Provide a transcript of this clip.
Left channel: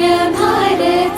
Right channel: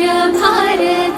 भार